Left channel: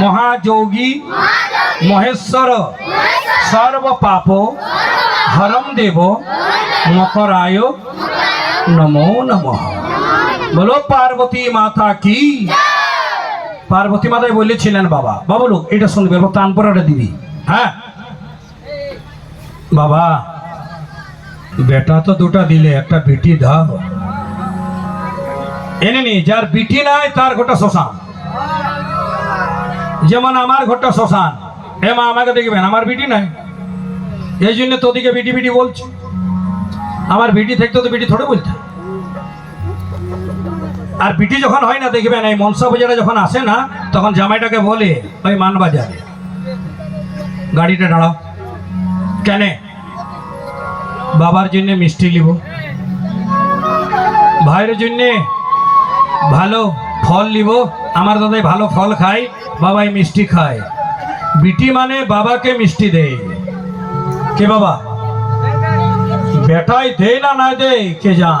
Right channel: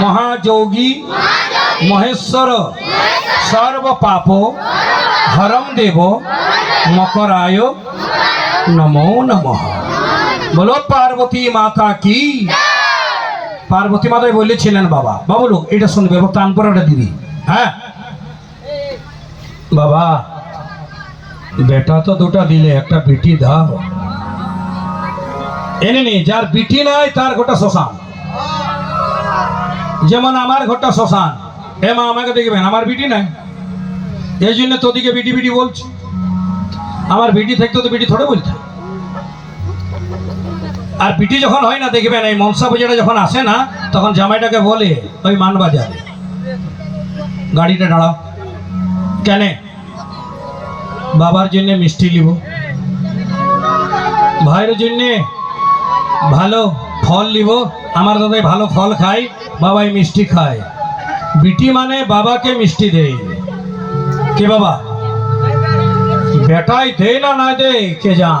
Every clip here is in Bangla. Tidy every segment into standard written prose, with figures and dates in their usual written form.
মহাযোগী মহেশ্বর সর্ব পাপ হরম দেব মকরায় নমো নমঃ। বলো পার্বতী মাতা কি। পার্বতী মাতাই বলেছিলেন বাবা, বাবু লোক এটা শুনবে, প্রাণ পড়াটা দিবি। হ্যাঁ বাবা, বেটা তো দুটা দিলে, একটা বিটি দাও। এনে নি, যার বিটি নাই তার ঘটা শ্মশান। যেমন আমার ঘরটা শ্মশান। হে মা, আমাকে দেখবেন, আমার বিটি নাই, এই জন্য তোদিকে বিটি বিটি বলছি। আমার বিটি থাকতো তো বিটি থোড়ে বলছে। আর বিটি যখন হয় না দেখবেন, এই মনসা বাজারে যখন আসে না, তখন জামাইটাকে বলে ওই মানবাজারে গাড়িটা দাঁড়াও। কেন? বাবার জন্য মিষ্টি নিব, ভাইয়ের জন্য ভালো ফল নিব। আমার দাদাই ভালো ফল খায়, বাবাই মিষ্টি খায়। বিটি মানে বাবাকে মিষ্টি দেয়। কে বাবা? বেটাই দেয় না না দেয় কে যা।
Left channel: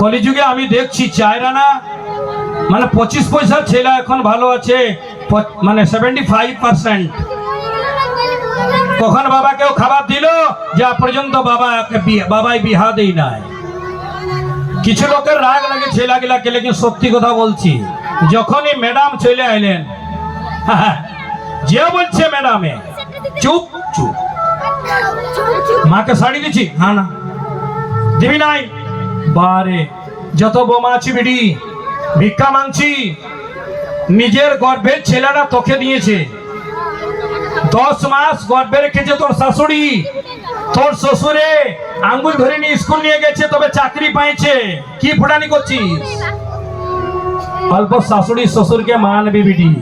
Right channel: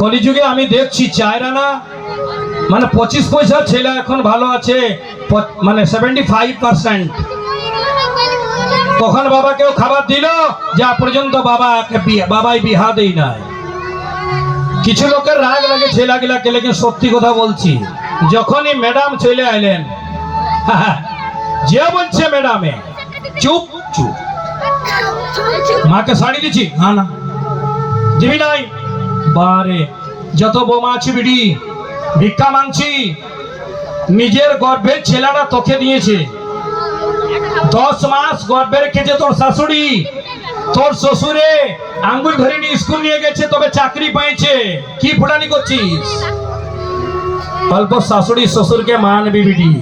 কলিযুগে আমি দেখছি চায়রা না, মানে 25 পয়সার ছেলে এখন ভালো আছে, মানে 75%। কখন বাবাকেও খাবার দিল, যা পর্যন্ত বাবাই বিহা দেই নাই। কিছু লোকের রাগ লাগে ছেলেগুলাকে, লেকিন সত্যি কথা বলছি, যখনই ম্যাডাম চলে আইলেন, যে বলছে ম্যাডামে চুপ চুপ। মাকে শাড়ি দিচ্ছি, হ্যাঁ না দিবি নাই। বারে যত বোমা আছে বিড়ি, ভিক্ষা মাংছি। নিজের গর্ভের ছেলেরা তোকে দিয়েছে, 10 মাস গর্ভে রেখেছে তোর শাশুড়ি। তোর শ্বশুরে আঙ্গুল ধরে নিয়ে স্কুল নিয়ে গেছে, তবে চাকরি পাইছে। কি ফোটানি করছিস? অল্প শাশুড়ি শ্বশুরকে মানবি বিডি।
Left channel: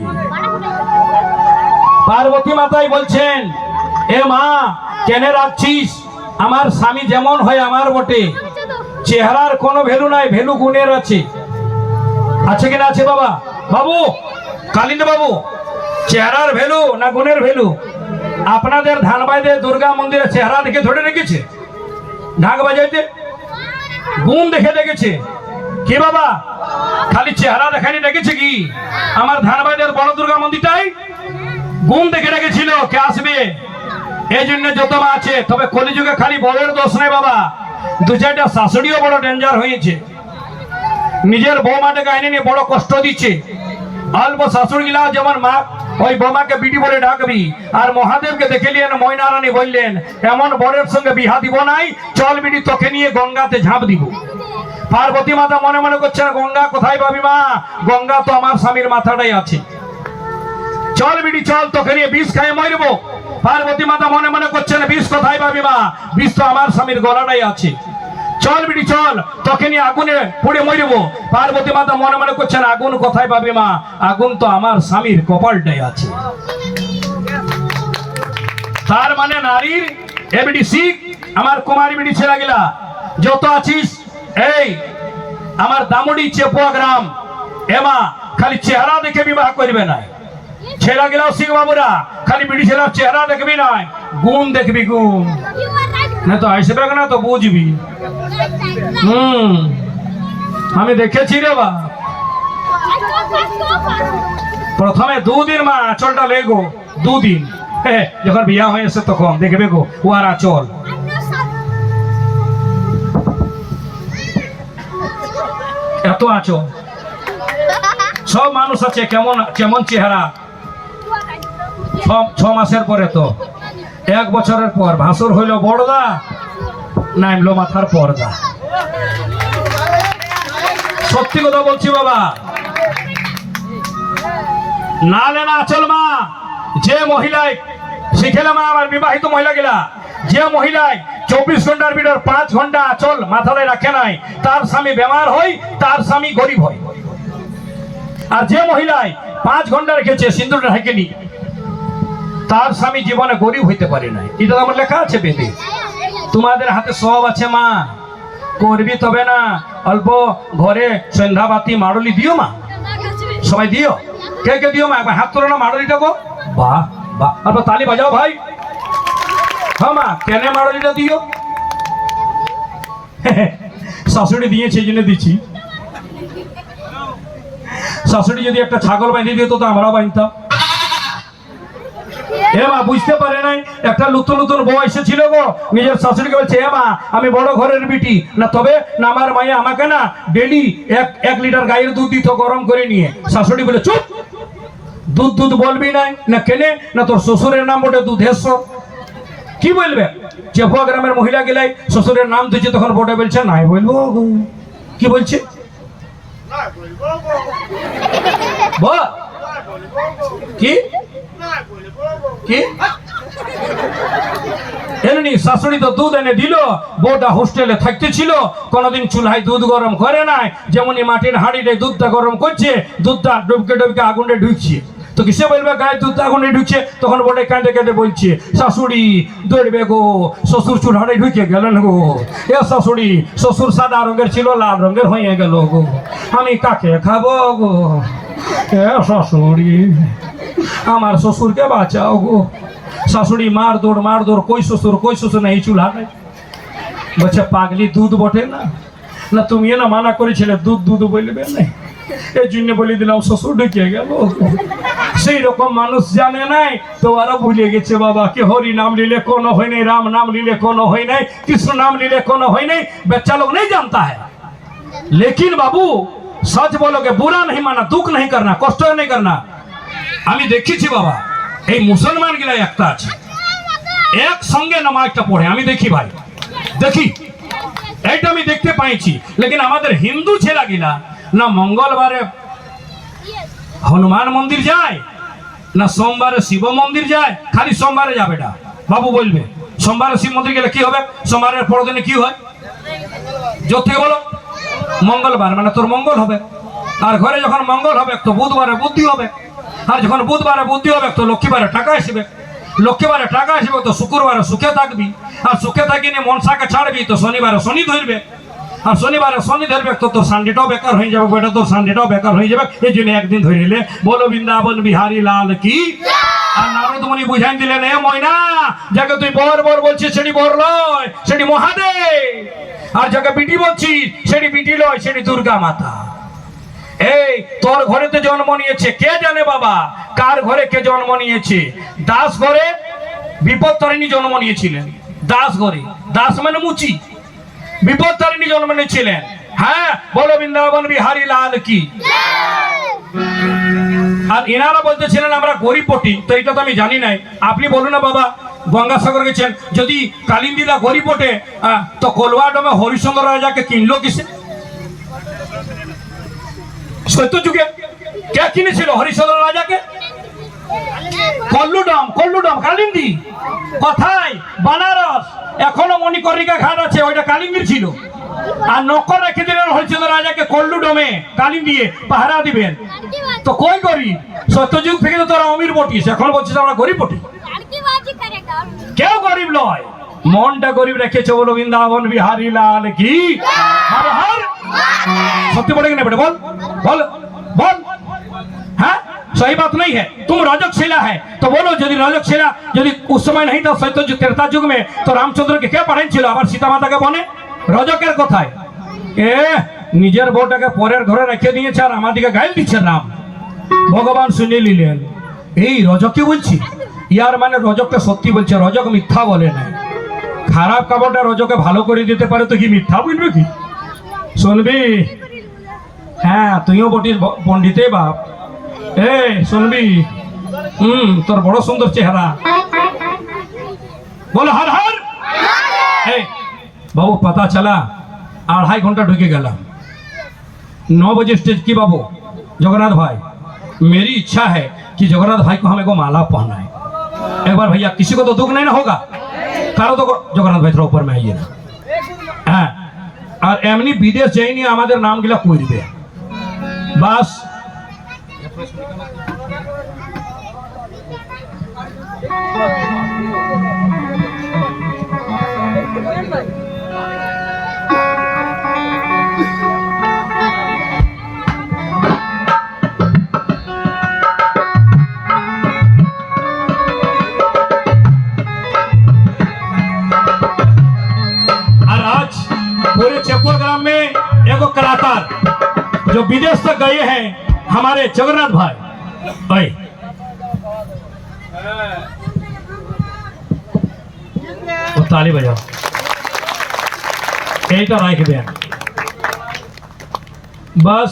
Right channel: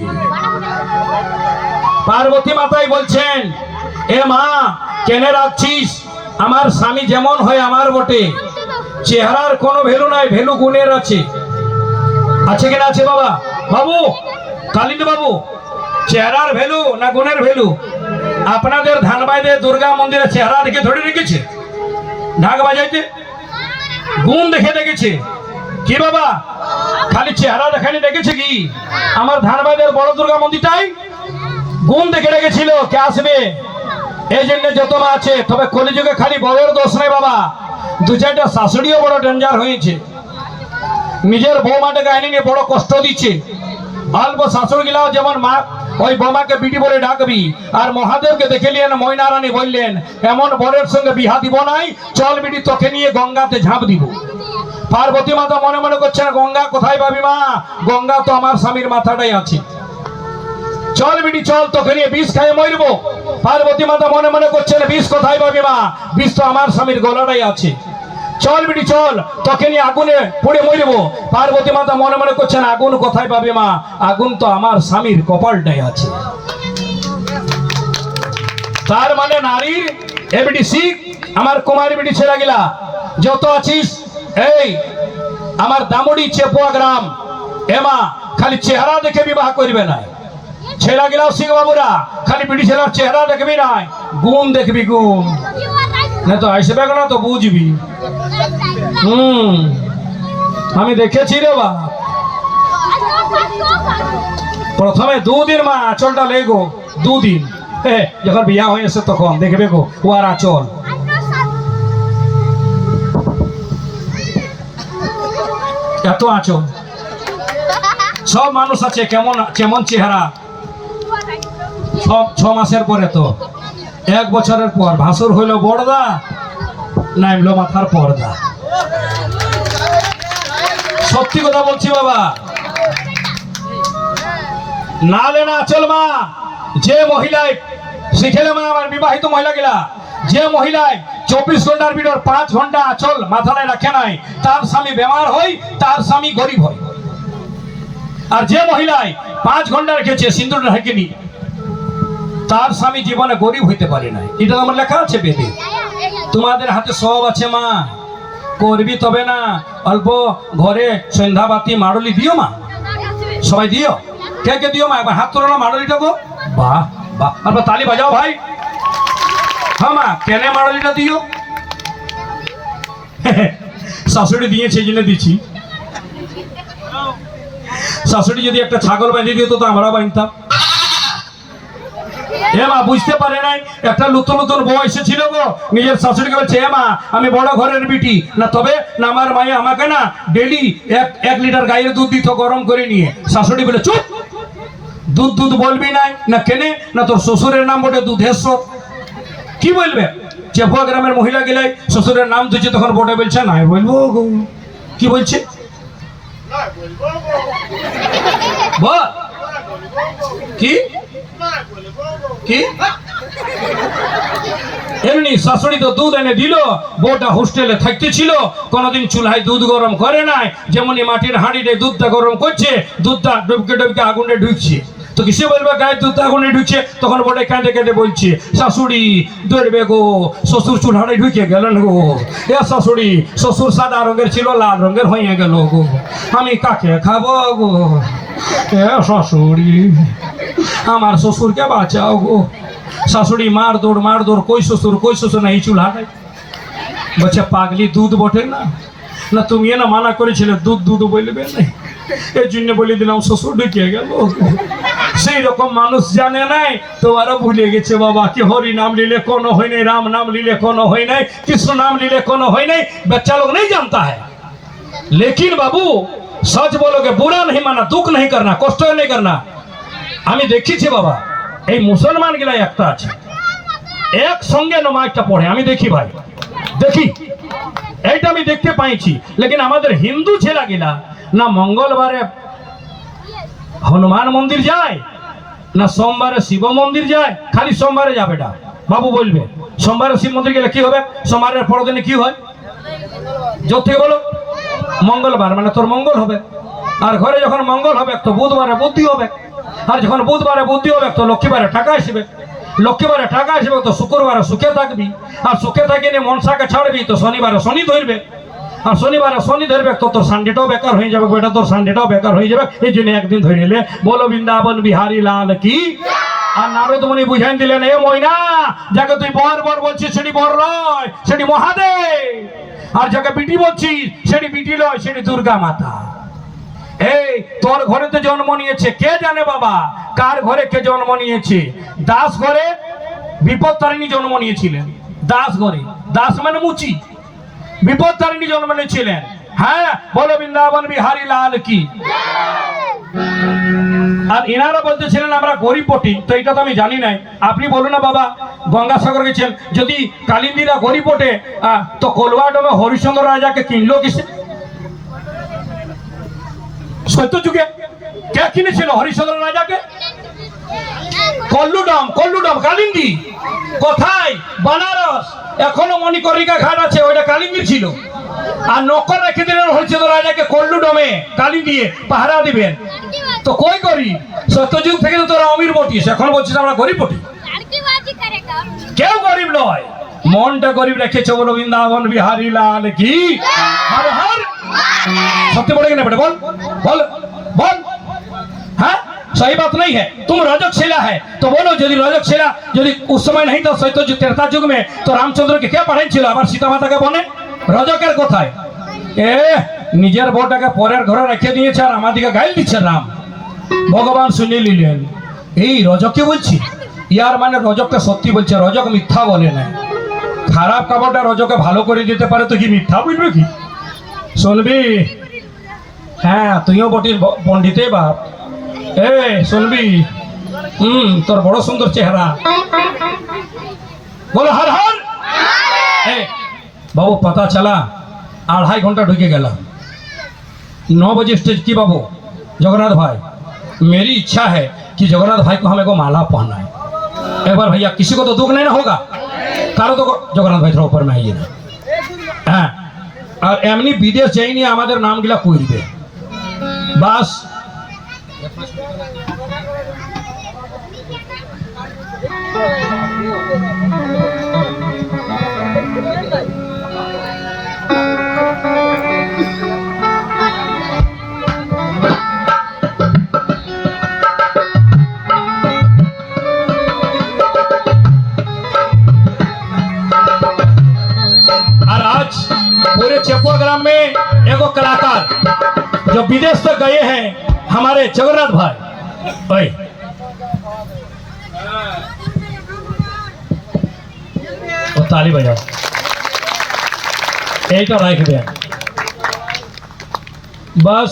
পার্বতী মাতাই বলছেন, এ মা কেন রাখছিস? আমার স্বামী যেমন হয় আমার বটে, চেহারার কোনো ভ্যালু নাই, ভ্যালু গুণের আছে। আছে কিনা আছে বাবা? বাবু কালিন্দ বাবু, চেহারার ভ্যালু না গুণের ভ্যালু? আপনাদের ধানবাইদে দুর্গা মন্দিরে চেহারা দেখে ধরে রেখেছে, ঢাক বাজাইতে গুণ দেখে দেখেছে। কি বাবা খালি চেহারা দেখানি দেখেছে কি? আমার ধানবাইদের বড় দুর্গা মন্দিরটাই গুণ দেখে রেখেছিল কে আসবে, এই জন্য যত আছে। তবে কলিযুগে খালি বড়ের দোষ নাই বাবা, 2-4টা শাশুড়িও বড় ডেঞ্জার হয়েছে। নিজের বৌমাটাকে আইনে নিয়ে বড় কষ্ট দিচ্ছে। অল্প শাশুড়ি গিলা যেমন মা, ওই বোমাকে বিটি বলে ডাকবি। আর মহাদেবকে দেখে নিলেন, ময়নারানী বললেন, এমন বরের সঙ্গে বিহা দিব নাই, চল বিটি তোকে নিয়ে গঙ্গাতে ঝাঁপ দিব। পার্বতী মাতা মনে মনে করছেন, গঙ্গা কোথায় পাবি মা? গঙ্গা তো আমার স্বামীর মাথাটাই আছে। চল বিটি চল, তোকে নিয়ে বিষ খাই মরব। পার্বতী মাতা মনে মনে করছেন, বিষ কোথায় পাবি মা? বিষ তো আমার স্বামীর গলাটাই আছে। চল বিটি চল, তোকে নিয়ে আগুনে পুড়ে মরব। পার্বতী মাতা মনে মনে করছেন, আগুন কোথায় পাবে মা? আগুন তো আমার স্বামীর কপালটাই আছে। তার মানে নারীর এ বিটি শিখ, আমার কুমারী বিটি ছেলে গেলা যত আছিস, এই আমার দামুড়ি চেপুয়া গ্রাম, এমা খালি চেহারা দেখে বিবাহ করবে না। ছেলে গেলাও শিখ বাবুরা, খালি বিটি ছেলের চেহারা দেখবি না, গুণ দেখবি, গুণ না তো আসবে না তো বুঝবি। আমি দেখেছি রে বা, প্রথমে 2 দিন মা আঁচলটা লেগো, 2 দিন যখন বিয়া হয়েছে তখন দেখবে গো ও আর আঁচল। এত আঁচল। সব মানুষ আছে কেমন কেমন চেহারা। 6 মাসের পরে তো 1 বছরের পর ভাসুর হইল বড়দা, নামলো মাথার পর্দা। সত্যি কথা বলছি বাবা, নালে না আচল মা। যে মহিলায় শিখেলে মা, আমার বিবাহিত মহিলা গেলা, যে মহিলায় 24 ঘন্টার ভিতর 5 ঘন্টা আচল মাথায় রাখে নাই, তার স্বামী বেমার হয়, তার স্বামী গরিব হয়। আর যে মহিলায় 5 ঘন্টা রেখেছে সিন্দুর ঢাকেনি, তার স্বামী জীবনে গরিব হইতে পারে নাই। এটা আমার লেখা আছে বেদে। তোমাদের হাতে সব আছে মা, করবি তবে না। অল্প ঘরে সন্ধ্যা বাতি মাড়লি দিও মা, সবাই দিও। কে কে দিও মা? একবার হাত তোলো না মাড়লিটা গো। বাহ বাহ, অল্প তালি বাজাও ভাই। হ্যাঁ মা, কেন মাড়লিটা দিও? শাশুড়ি দিয়েছে এই জন্য দিচ্ছি। শাশুড়ি যদি একটা ছাগল বেঁধে দিত তো আমরা বাঁধতাম। এ মা বুঝতে পারে নাই, একটা নতুন নতুন বউ এসেছিল গো, নিজের শাশুড়িকে বলছে এ মা আমি বড় ঘরের বিটি না, তবে না আমার মায়ে আমাকে না ডেলি 1 লিটার গায়ের দুধ দিত গরম করে নিয়ে। শাশুড়ি বলে চুপ, দুধ দুধ বলবি নাই না, কেনে না তোর শ্বশুরের নাম বটে দুধেশ্বর, কি বলবে? চেপুয়া গ্রামের মহিলা গেলাই শ্বশুরের নাম দিচ্ছে, তখন বটে বলছে নাই বলবো গো। কি বলছে কি কি এমনি শাশুড়ি তো দুধ এনে দিল, বউটা হোস্টেলে থাকতে ছিল, কোনোদিন চুলায় দুধ গরম করে নাই, যেমনই মাটির হাঁড়িতে দুধটা গরম করছে, দুধটা ডুবকে ডুবকে আগুনে ঢুকছে, তো কিসে বলবে গায়ে দুধ আগুনে ঢুকছে? তখন বটে কেঁদে কেঁদে বলছে শাশুড়ি দৌড়বে গো, শ্বশুর চুলারে ঢুকে গেলেন গো, এ শাশুড়ি শ্বশুর সাদা রঙের ছিল লাল রঙের হয়ে গেল গো, আমি কাকে খাবো গো, এ শাশুড়ি আমার শ্বশুরকে বাঁচাও গো। শাশুড়ি মার দৌড়, কই শ্বশুর না, এই চুলা নাই। বলছে পাগলি দুধ বটে না, না তুমি না মানা করেছিলে দুধ দুধ বলবে না, এই জন্য বলে দিলাম শ্বশুর ঢুকে গেল। সেই রকম মানুষ জানে নাই, তোমারও ভুলে গেছে বাবা কি হরি নাম लीले कोनो হয় নাই, রাম নাম लीले कोनो হয় নাই, কৃষ্ণ নাম लीले कोनो হয় নাই, बच्चा लोग नहीं जानता है। लेकिन बाबू सच बोलोगे, बुरा नहीं माना, दुख नहीं करना, कष्ट नहीं करना। আমি দেখেছি বাবা, এই মুসলমান গিলা একটা আছে, একসঙ্গে নামাজটা পড়ে, আমি দেখি ভাই, দেখি এইটা আমি দেখতে পাইছি। লেকিন আমাদের হিন্দু ছেলা গিলা না মঙ্গলবারে হনুমান মন্দির যায়, না সোমবারে শিব মন্দির যায়, খালি সোমবারে যাবে না। বাবু বলবে সোমবারে শিব মন্দির গেলে কি হবে? সোমবারের পরের দিনে কি হয়? জোর থেকে বলো, মঙ্গলবার মানে তোর মঙ্গল হবে, আর ঘরে যখন মঙ্গল হবে তো বুধবারে বুদ্ধি হবে, আর যখন বুধবারে বুদ্ধি হবে তো লক্ষ্মীবারে টাকা আসবে, লক্ষ্মীবারে টাকা আসবে তো শুক্রবারে সুখে থাকবি, আর সুখে থাকিনি মনসাকে ছাড়বি তো শনিবারে শনি ধরবে, আর শনিবারে শনি ধরবে তো তোর সানডেটাও বেকার হয়ে যাবে, বেটা তোর সানডেটাও বেকার হয়ে যাবে। এই জন্য একদিন ধরে নিলে বলো বৃন্দাবন বিহারী লাল কি। আর নারদ মুনি বুঝাই দিলেন এ ময়না, যাকে তুই বর বর বলছিস সেটি বর নয়, সেটি মহাদেব, আর যাকে বিটি বলছিস সেটি বিটি নয়, সেটি দুর্গা মাতা। এই তোর ঘরেতে জন্ম নিয়েছে কে জানে বাবা, কার ঘরে কে জন্ম নিয়েছে? দাস ঘরে বিপদ তারিণী জন্ম নিয়েছিলেন, দাস ঘরে, দাস মানে মুচি, বিপদ তারিণী জন্ম নিয়েছিলেন। হ্যাঁ বলো বৃন্দাবন বিহারী লাল কি। আর এনারা বলতেছিলেন আমরা গরিব বটি, তো এটা তো আমি জানি নাই, আপনি বলুন না বাবা। গঙ্গাসাগর গেছেন, যদি কালিন্দীরা গরিব বটে তো কলুয়াডমে হরিশ্চন্দ্র রাজাকে কিনলো কিসে? সত্য যুগে কে কিনেছিল হরিশ্চন্দ্র রাজাকে? কল্লুডম কালিন্দী কোথায়? বানারস। এখনো মণিকর্ণিকা ঘাট আছে, ওইটা কালিন্দীর ছিল। আর নকর রেখে দিলেন হরিশ্চন্দ্র রাজাকে কল্লুডমে কালিন্দিয়ে পাহারা দিবেন। তো কই গরিব? সত্যযুগ থেকে তো তোরা অমির বটিস, এখন বলছিস আমরা গরিব বটি। কেউ গরিব নয়, মনটা গরিব রেখেছে। বলো বৃন্দাবন বিহারী লাল কি। হর হর सत्य बोलेंगे ना बेटा, बोल बोल बोल। हाँ सही बात नहीं है, तुम रजकशिला है तो बोलो, यदि रजकशिला यदि उस समय नहीं था सत्य त्रेता युग में, तो रामचंद्र के क्या पढ़ाई ছিল? আবার সীতা মাতাকে বনে রজকের কথায় এ নিজের বউটাকে পরের ঘরে রেখে দিয়েছে, আর আমাদেরকে গাইল দিচ্ছে রাম। ভগবান শুনে নিলেন, এই রজককে বলছি, ইয়ার মানে রজককে সত্যি বলছে, রজক মিথ্যা বলে না। খারাপ কাপড়টা রজকে ভালো করে দিতে পারে তো কি মিথ্যা বলবে কি? শুনবি? হ্যাঁ তুইও বটির পণ্ডিতে বাপ। এ শুনবি, তোর বড় সুন্দর চেহারা। বলো हर हर। बाबू पता चला 2.5 घंटा ढुके गया, 9 बजे स्टेज की। बाबू जगन्नाथ भाई, मेरी इच्छा है कि जगन्नाथ भाई को हमें को माला पहना है। एक बार भैया, किसी को तो दुख नहीं ना होगा, कारो तो जगन्नाथ भाई थोड़ा ऊपर में आइए ना। हाँ, और एमनी विदेश जाइए हमारे नाम गिला कोई दिए बस। पूरे चेपुआ ग्राम में एगो कलाकार जो विदेश तक गए हैं, हमारे जगन्नाथ भाई ओए ও তালি বাজাও এইটা রাখবেন বাস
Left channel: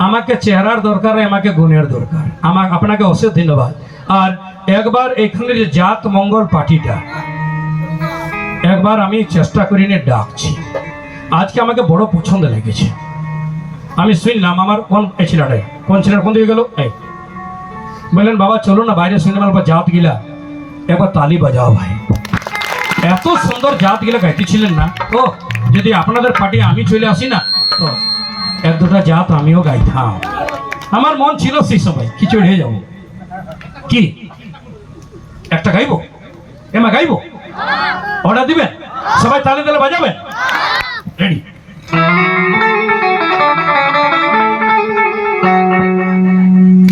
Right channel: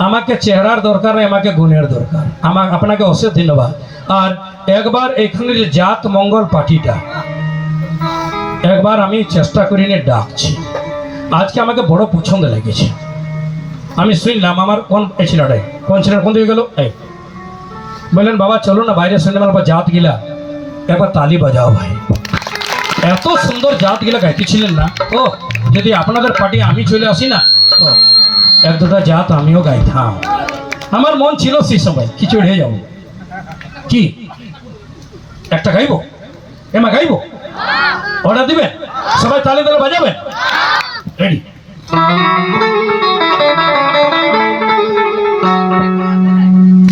আমাকে চেহারার দরকার নেই আমাকে গুণের দরকার আমাকে আপনাকে অশেষ ধন্যবাদ আর একবার এখানে যে জাত মঙ্গল পার্টিটা একবার আমি চেষ্টা করি নিয়ে ডাকছি আজকে আমাকে বড় পছন্দ লেগেছে আমি শুনলাম আমার কোন ছেলেটাই কোন ছেলেটা কোন দিকে গেল এই বললেন বাবা চলো না বাইরে শুনলাম আমার জাত গিলা একবার তালি বাজাও ভাই এত সুন্দর জাত গিলা গাইতেছিলেন না ও যদি আপনাদের পার্টি আমি চলে আসি না তো এক দুটা জাত আমিও গাইতাম আমার মন ছিল সেই সময় কিছু হয়ে যাবো কি একটা গাইবো এমা গাইবো অর্ডার দিবেন সবাই তালে তালে বাজাবেন রেডি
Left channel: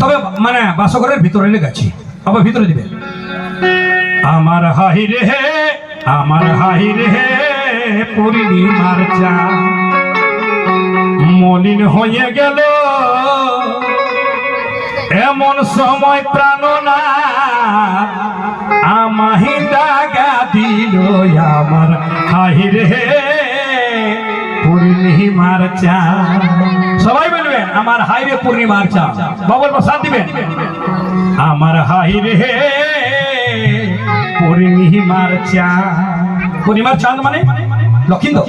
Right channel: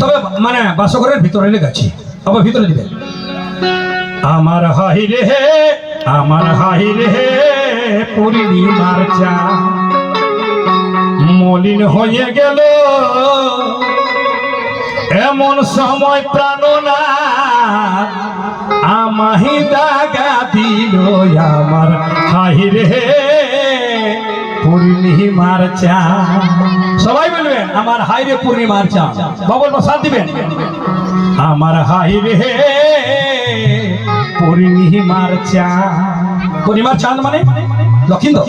তবে মানে বাসঘরের ভিতরে গেছি আবার ভিতরে দিবেন আমার হাহি রে আমার হাহি রে পূর্ণিমার চাঁদ মলিন হয়ে গেল এমন সময় প্রাণনা আমাহি দাগা দিল আমার হাহি রে পূর্ণিমার চাঁদ সবাই বলবেন আমার হাই রে পূর্ণিমার চাঁদ বাবার প্রসাদ দিবেন আমার হাই রে পূর্ণিমার চাঁদ পূর্ণিমার চাঁদ মানে লক্ষিন্দর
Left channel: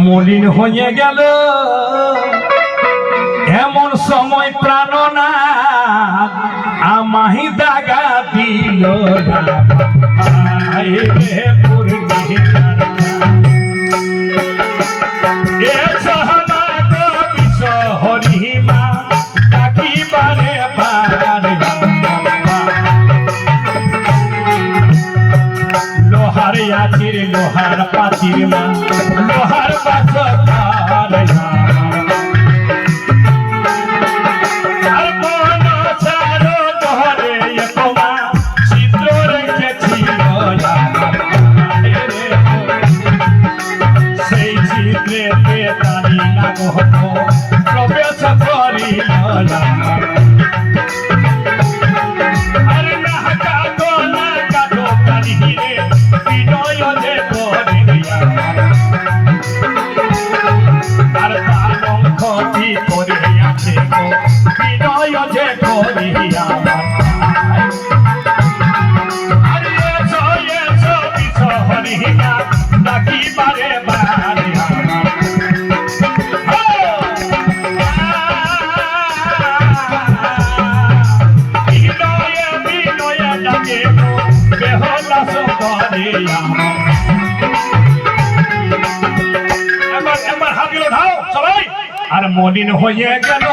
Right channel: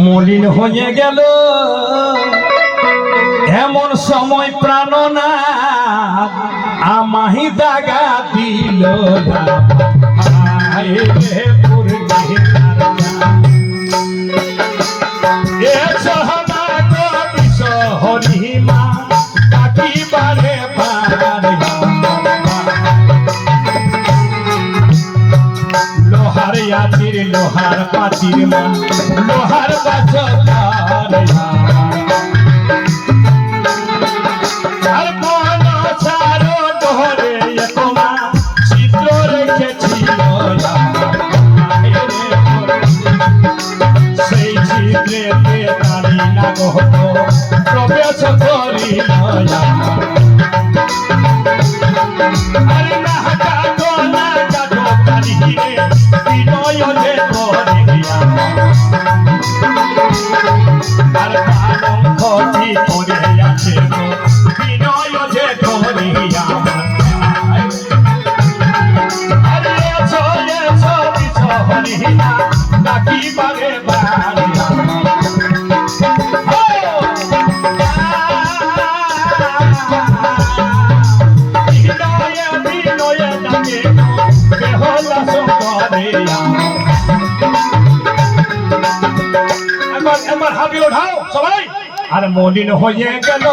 মলিন হয়ে গেল এমন সময় প্রাণনা আমাহি দাগা দিল হাই রে পূর্ণিমার হরিমা কাকিবারে লোহার আছির লোহার পাচির মা লোহার বাজার আর কোন ছাড়ো ধরে একমা চিত্র রেখেছিল সেই চিত্রেতে তালি না গহত প্রবেশ করিল আর না কাটো কালিহিরে বিনয় যে করিয়া আর তালঙ্ক চিতরে আছে বিনয় যে করিয়া আরে এসো এসো বিষ হরিণা ডাকিবারে বাড়িয়া একবার হাত দিল উঠাও সবাই আর মলিন হয়ে গেল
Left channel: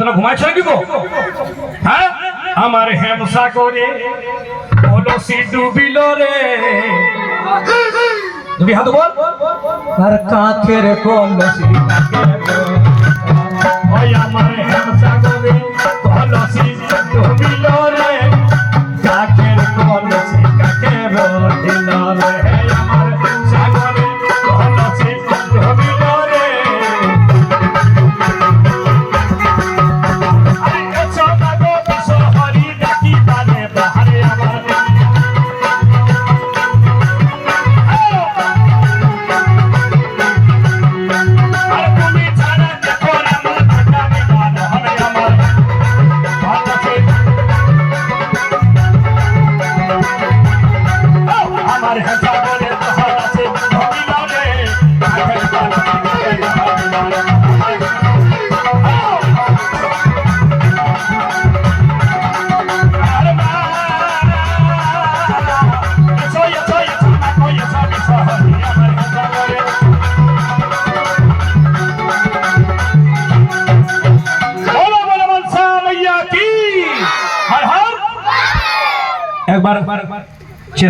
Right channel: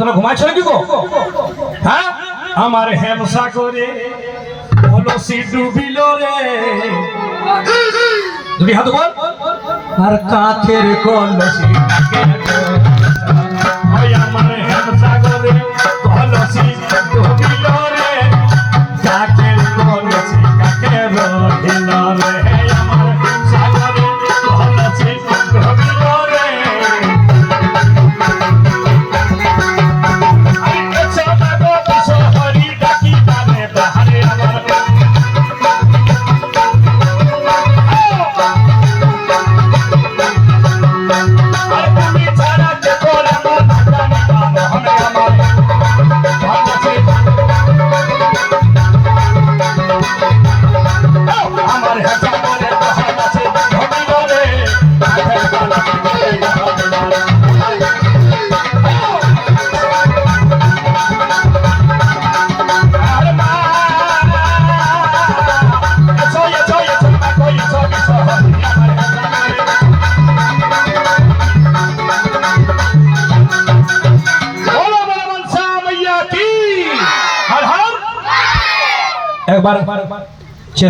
তোরা ঘুমাইছ নাকি গো হ্যাঁ আমার হেমসা করে কলসি ডুবিল রে দুই হাত বল আর কাঠের কলসি ওই আমার হেমসা করে কলসি ডুবিল রে কাঠের কলসি কাঠের ঢিল রে আমার সাগরে কলসি ডুবিল রে একবার